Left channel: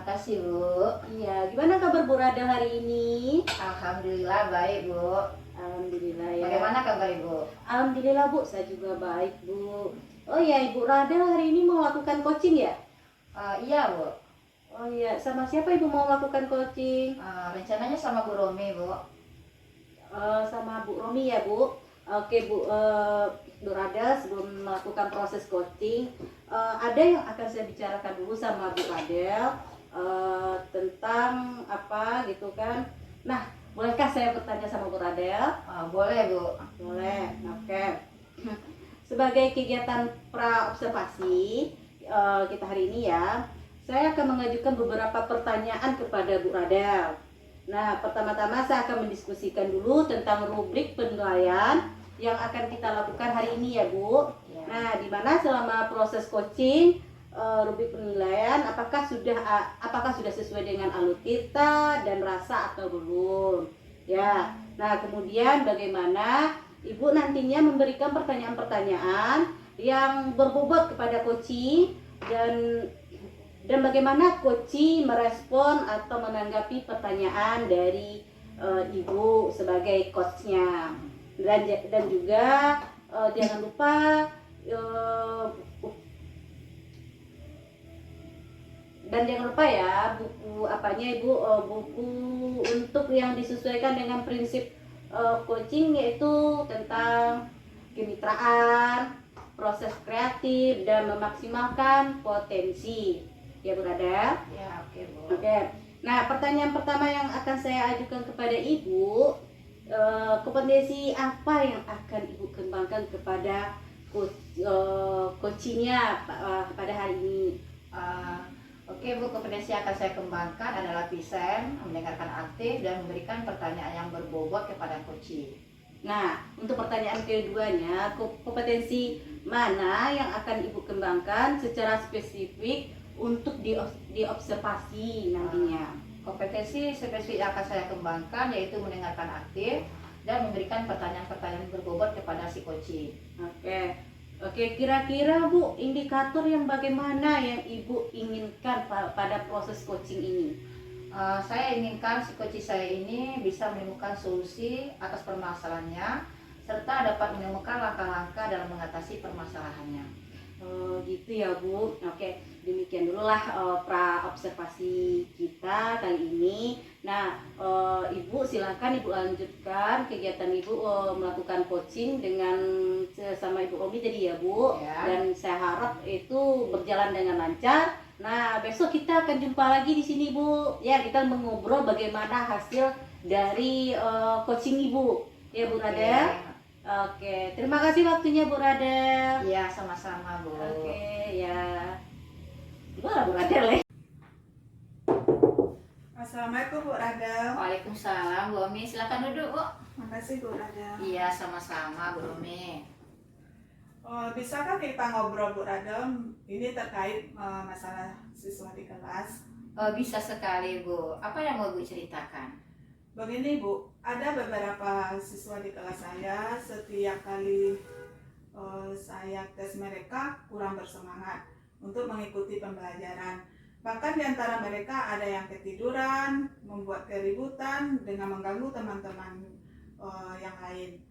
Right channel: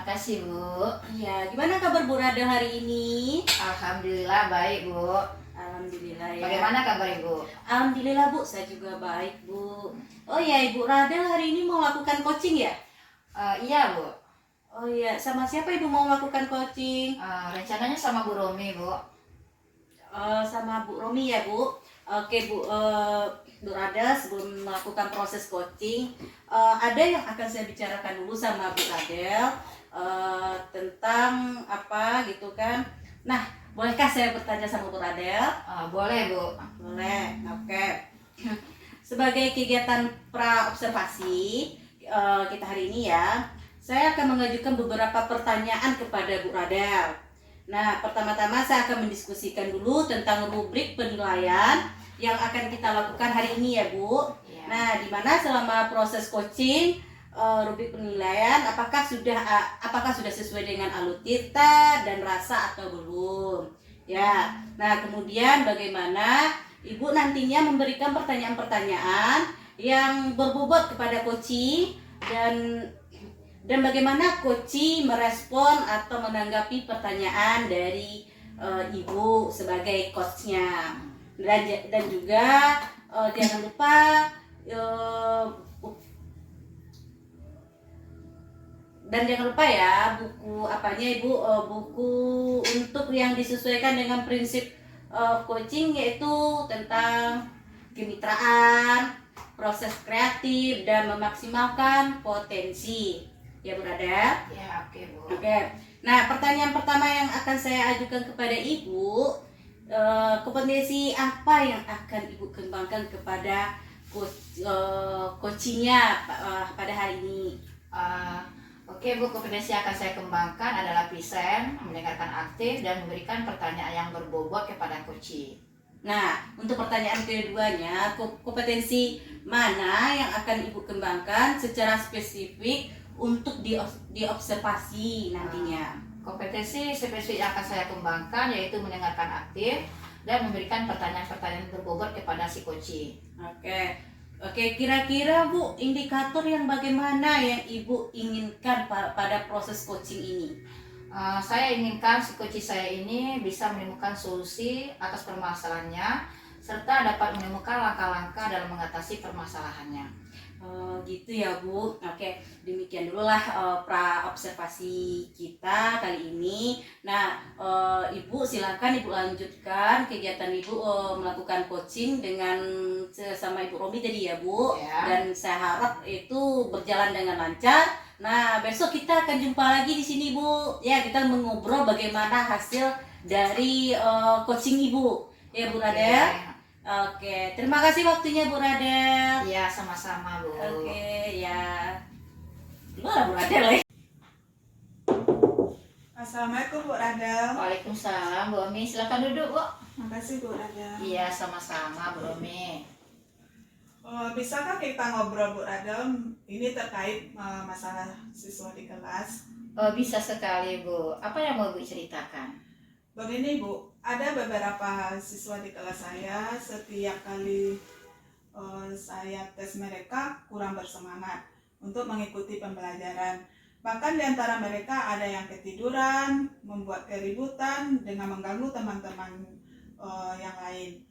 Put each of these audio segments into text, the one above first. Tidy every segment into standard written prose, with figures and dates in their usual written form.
Makasih Bu. Iya, gimana kabar Bu Radel hari ini? Alhamdulillah baik Bu. Alhamdulillah ya. Bagaimana kabar Ibu? Alhamdulillah Bu, saya juga baik Bu. Oh iya, Ibu Radel hari ini mau lakukan coaching ya? Iya Bu. Oh iya, sama siapa Ibu mau melakukan coaching? Rencananya sama Bu Romi Bu. Sama Bu Romi ya Bu. Oke Bu, Bu Radel sebelum melakukan proses coaching, ada yang akan saya bicarakan dulu sama Bu Radel tentang apa gitu kan. Nah, bolehkah saya bertanya sama Bu Radel? Boleh Bu. Boleh, oke. Sebagai kegiatan pra-observasi kita hari ini ya, saya akan mengajukan beberapa pertanyaan kepada Bu Radel. Nah, pertama-tama saya akan mendiskusikan dulu tentang rubrik penilaian yang akan kita lakukan hari ini ya Bu. Ya. Nah, di mana selama proses coaching rubrik penilaian apakah sudah sesuai dengan alutita dan rasa atau belum? Ya. Nah, kemudian bagaimana Ibu nantinya memberikan pertanyaan-pertanyaan yang berbobot kepada coaching dan bagaimana coaching merespon atau menanggapi pertanyaan dari Ibu sebagai coachnya. Dan juga jangan lupa ya buku apanya Ibu, buku untuk yang disesuaikan dengan prinsip coaching, yaitu tentang kemitraan, proses kreatif dan memaksimalkan potensi ya Bu Radel. Ya oke Bu. Oke. Nah, pertanyaan pertama yang akan saya ajukan kepada Ibu, kompetensi apa yang akan Ibu kembangkan kepada coachingnya pada hari ini? Oke Bu, kompetensi yang akan saya kembangkan adalah present, mendengarkan aktif, dan memberikan pertanyaan yang berbobot kepada coaching. Nah, untuk pertanyaan keduanya, kompetensi mana yang akan Ibu kembangkan secara spesifik untuk diobservasi nantinya? Kompetensi spesifik yang akan saya kembangkan yaitu mendengarkan aktif dan memberikan pertanyaan-pertanyaan berbobot kepada si coaching. Oke, kira-kira Bu, indikator yang bagaimana yang Ibu inginkan pada proses coaching ini? Saya inginkan si coaching saya ini bisa menemukan solusi atas permasalahannya serta dapat menemukan langkah-langkah dalam mengatasi permasalahannya. Gitu ya Bu. Oke, demikian dululah pra-observasi kita kali ini. Nah, Ibu silakan Ibu lanjutkan kegiatan Ibu melakukan coaching dengan sama Ibu Romi tadi ya Bu. Ya. Dan saya harap itu berjalan dengan lancar. Nah, besok kita akan jumpa lagi di sini Bu. Ya, kita mengobrol bagaimana hasil dari coaching Ibu. Ya Bu Radel. Oke, terima kasih waktunya Bu Radel. Iya, sama-sama Bu. Oke, ya. Gimana Bu Radel ya? Assalamualaikum Bu Radel. Waalaikumsalam Bu Romi, silakan duduk Bu. Makasih Bu Radel. Iya, sama-sama Bu Romi. Bisakah kita ngobrol Bu Radel? Ini terkait masalah siswa di kelas. Bisa sekali Bu. Apa yang mau Bu ceritakan? Begini Bu, ada beberapa siswa di kelas saya, setiap kali saya tes mereka kurang bersemangat untuk mengikuti pembelajaran. Bahkan di antara mereka ada yang ketiduran, membuat keributan dengan mengganggu teman-teman yang lain.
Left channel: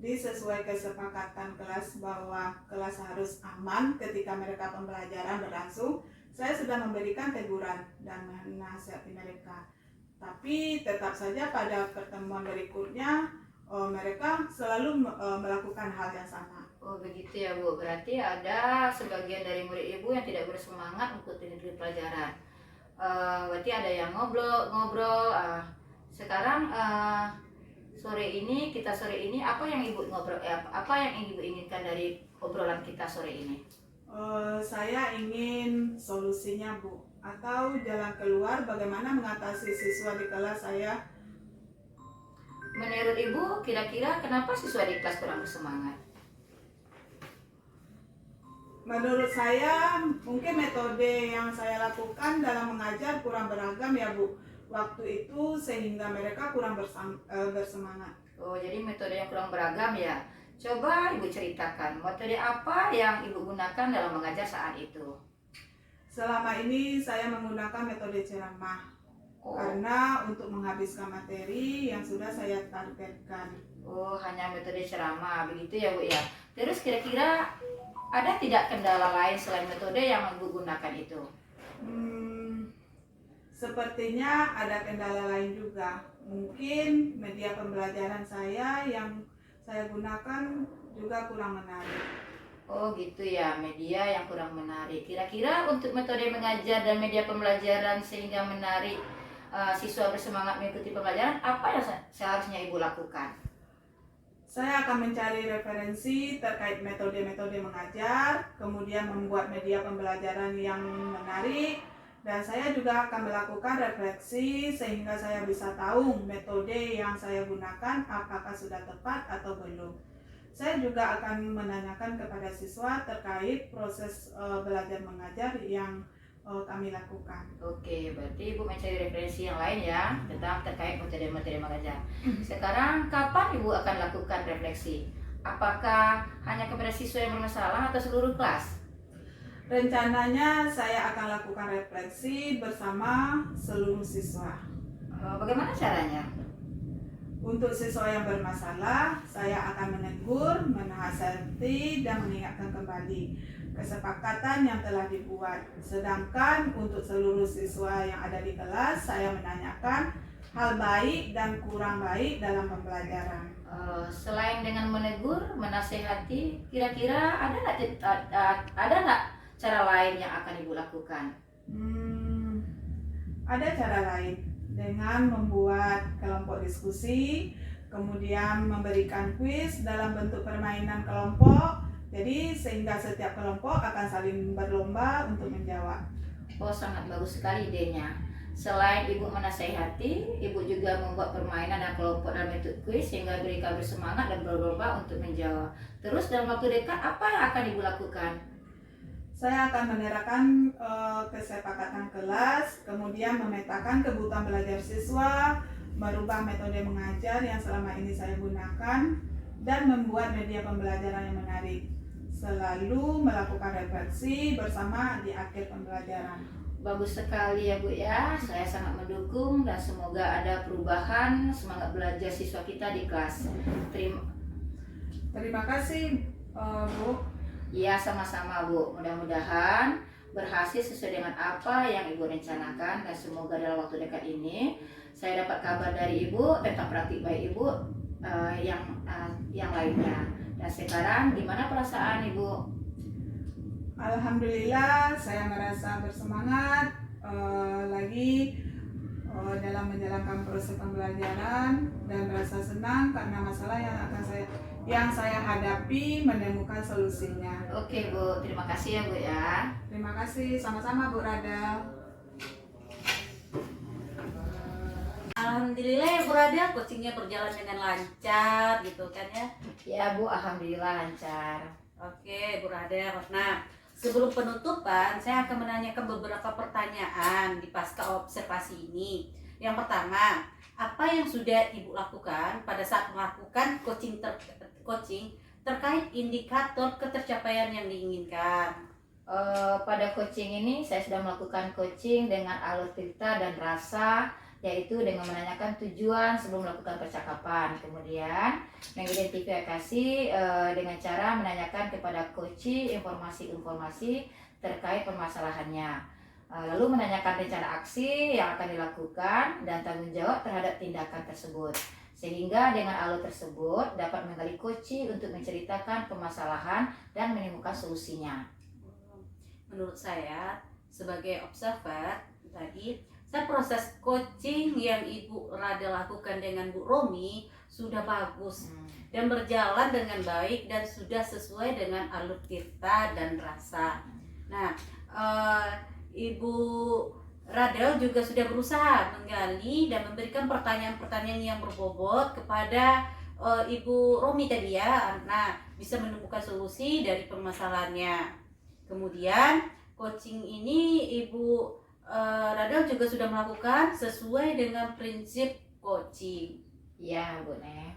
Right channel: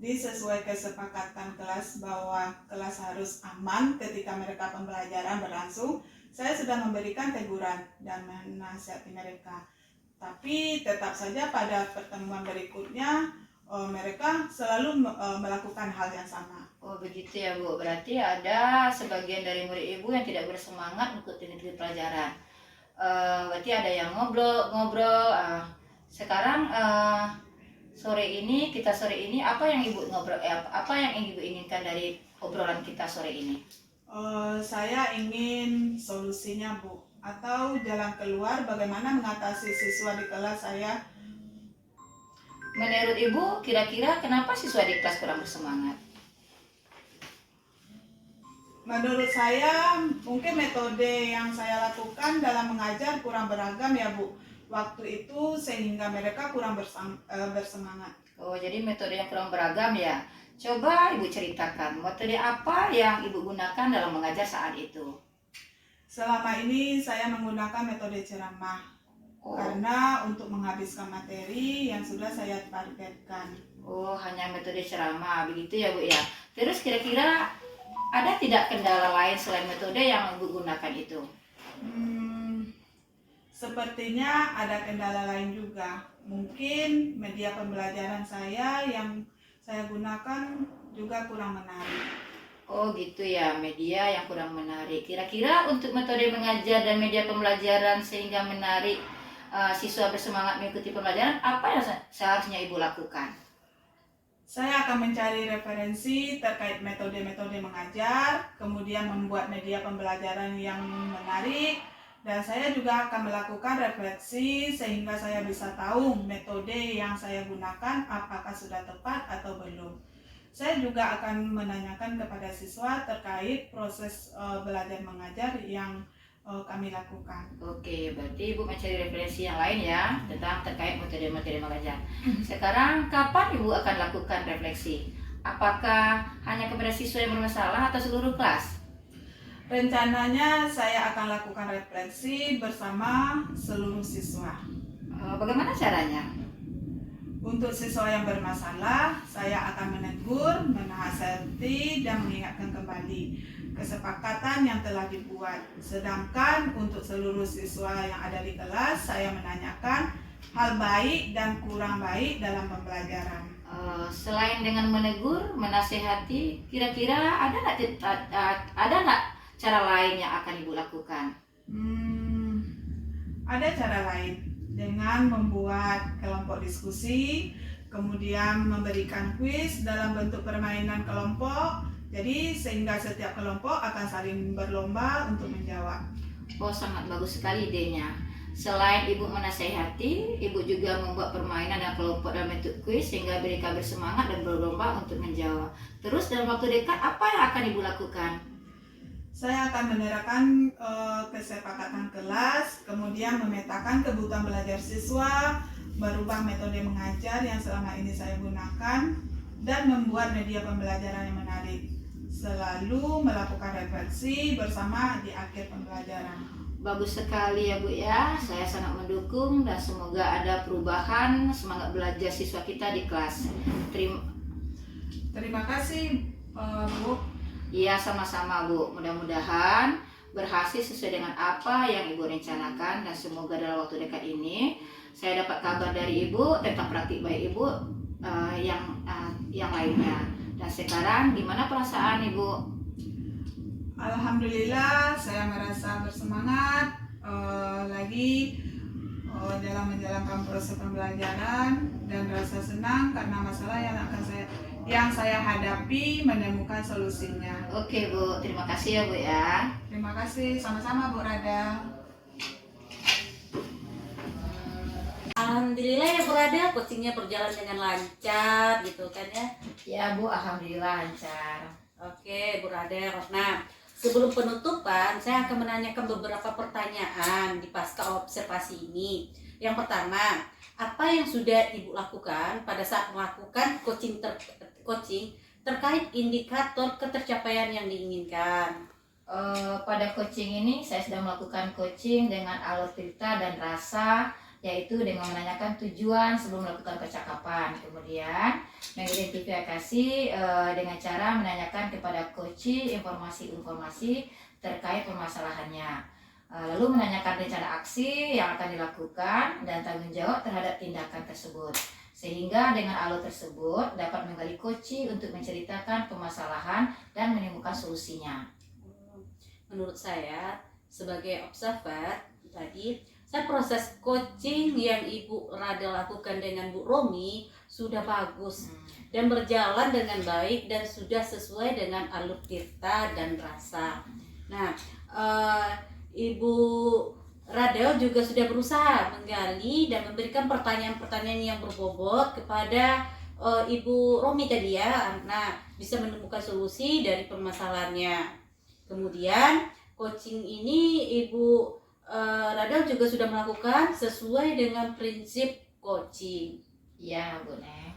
Disesuai kesepakatan kelas bahwa kelas harus aman ketika mereka pembelajaran berlangsung, saya sudah memberikan teguran dan menasihati mereka. Tapi tetap saja pada pertemuan berikutnya mereka selalu melakukan hal yang sama. Oh begitu ya Bu, berarti ada sebagian dari murid Ibu yang tidak bersemangat untuk mengikuti pelajaran. Berarti ada yang ngobrol. Sekarang sore ini apa yang Ibu ngobrol? Apa yang Ibu inginkan dari obrolan kita sore ini? Saya ingin solusinya Bu, atau jalan keluar bagaimana mengatasi siswa di kelas saya. Menurut Ibu, kira-kira kenapa siswa di kelas kurang bersemangat? Menurut saya mungkin metode yang saya lakukan dalam mengajar kurang beragam ya Bu, waktu itu sehingga mereka kurang bersemangat. Oh, jadi metode yang kurang beragam ya. Coba Ibu ceritakan metode apa yang Ibu gunakan dalam mengajar saat itu. Selama ini saya menggunakan metode ceramah Oh, karena untuk menghabiskan materi yang sudah saya targetkan. oh, hanya metode ceramah begitu ya Bu ya. Terus kira-kira ada tidak kendala lain selain metode yang Ibu gunakan itu? Hmm, Sepertinya ada kendala lain juga. Mungkin media pembelajaran saya yang saya gunakan juga kurang menarik. Oh gitu ya, media yang kurang menarik. Kira-kira untuk metode mengajar dan media pembelajaran sehingga menarik siswa bersemangat mengikuti pembelajaran, apa yang seharusnya Ibu lakukan? Saya akan mencari referensi terkait metode-metode mengajar, kemudian membuat media pembelajaran yang menarik, dan saya juga akan melakukan refleksi sehingga saya bisa tahu metode yang saya gunakan apakah sudah tepat atau belum. Saya juga akan menanyakan kepada siswa terkait proses belajar mengajar yang kami lakukan. Oke, berarti Ibu mencari referensi yang lain ya tentang terkait metode-metode mengajar. Sekarang kapan Ibu akan lakukan refleksi? Apakah hanya kepada siswa yang bermasalah atau seluruh kelas? Rencananya saya akan lakukan refleksi bersama seluruh siswa. Bagaimana caranya? Untuk siswa yang bermasalah, saya akan menegur, menasihati, dan mengingatkan kembali kesepakatan yang telah dibuat. Sedangkan untuk seluruh siswa yang ada di kelas, saya menanyakan hal baik dan kurang baik dalam pembelajaran. Selain dengan menegur, menasehati, kira-kira ada nggak cara lain yang akan Ibu lakukan? Ada cara lain dengan membuat kelompok diskusi, kemudian memberikan kuis dalam bentuk permainan kelompok. Jadi sehingga setiap kelompok akan saling berlomba untuk menjawab. Oh, sangat bagus sekali idenya. Selain Ibu menasehati, Ibu juga membuat permainan dan kelompok dalam bentuk kuis sehingga mereka bersemangat dan berlomba untuk menjawab. Terus dalam waktu dekat apa yang akan Ibu lakukan? Saya akan menyerahkan kesepakatan kelas, kemudian memetakan kebutuhan belajar siswa, merubah metode mengajar yang selama ini saya gunakan, dan membuat media pembelajaran yang menarik. Selalu melakukan refleksi bersama di akhir pembelajaran. Bagus sekali ya Bu ya, saya sangat mendukung dan semoga ada perubahan semangat belajar siswa kita di kelas. Terima kasih Bu. Iya sama-sama Bu, mudah-mudahan berhasil sesuai dengan apa yang Ibu rencanakan dan semoga dalam waktu dekat ini saya dapat kabar dari Ibu tentang praktik baik Ibu yang lainnya. Dan sekarang gimana perasaan Ibu? Alhamdulillah saya merasa bersemangat lagi dalam menjalankan proses pembelajaran dan merasa senang karena masalah yang saya hadapi menemukan solusinya. Oke Bu, terima kasih ya Bu ya. Terima kasih, sama-sama Bu Rada. Alhamdulillah ya Bu Rada, coachingnya berjalan dengan lancar gitu kan ya. Ya Bu, alhamdulillah lancar. Oke Bu Rada, nah sebelum penutupan saya akan menanyakan beberapa pertanyaan di pasca observasi ini. Yang pertama, apa yang sudah Ibu lakukan pada saat melakukan coaching terkait indikator ketercapaian yang diinginkan? Pada coaching ini saya sudah melakukan coaching dengan alur cerita dan rasa, yaitu dengan menanyakan tujuan sebelum melakukan percakapan, kemudian mengidentifikasi dengan cara menanyakan kepada coach informasi-informasi terkait permasalahannya, lalu menanyakan rencana aksi yang akan dilakukan dan tanggung jawab terhadap tindakan tersebut, sehingga dengan alur tersebut dapat menggali coach untuk menceritakan permasalahan dan menemukan solusinya. Menurut saya sebagai observer tadi, proses coaching yang Ibu Rada lakukan dengan Bu Romi sudah bagus dan berjalan dengan baik dan sudah sesuai dengan alur cerita dan rasa. Nah, Ibu Rada juga sudah berusaha menggali dan memberikan pertanyaan-pertanyaan yang berbobot kepada Ibu Romi tadi ya. Nah, bisa menemukan solusi dari permasalahannya. Kemudian coaching ini Ibu Rada juga sudah melakukan sesuai dengan prinsip coaching. Iya Bu Ne.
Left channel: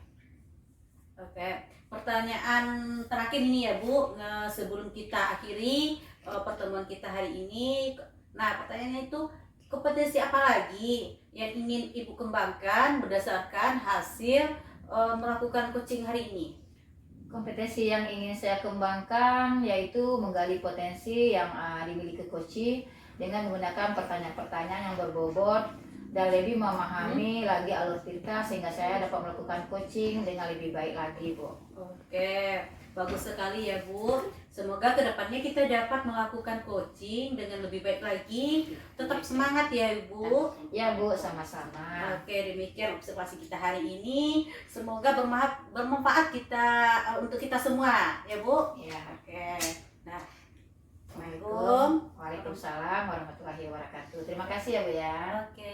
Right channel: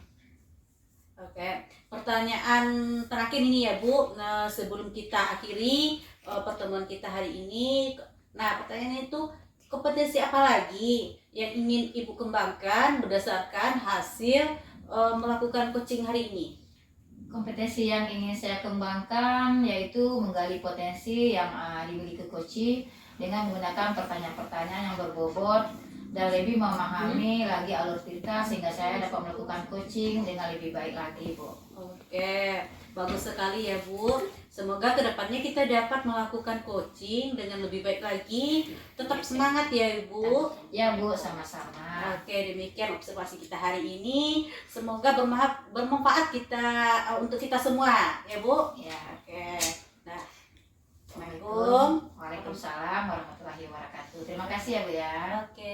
Oke, pertanyaan terakhir ini ya Bu, sebelum kita akhiri, pertemuan kita hari ini. Nah, pertanyaannya itu, kompetensi apa lagi yang ingin Ibu kembangkan berdasarkan hasil melakukan coaching hari ini? Kompetensi yang ingin saya kembangkan yaitu menggali potensi yang dimiliki coaching dengan menggunakan pertanyaan-pertanyaan yang berbobot dan lebih memahami lagi alur cerita sehingga saya dapat melakukan coaching dengan lebih baik lagi, Bu. Oke, bagus sekali ya Bu. Semoga kedepannya kita dapat melakukan coaching dengan lebih baik lagi. Tetap semangat ya Ibu. Ya Bu, sama-sama. Oke, demikian observasi kita hari ini. Semoga bermanfaat untuk kita semua ya Bu. Ya. Oke. Nah, Assalamualaikum. Waalaikumsalam warahmatullahi wabarakatuh. Terima kasih ya Bu ya. Oke.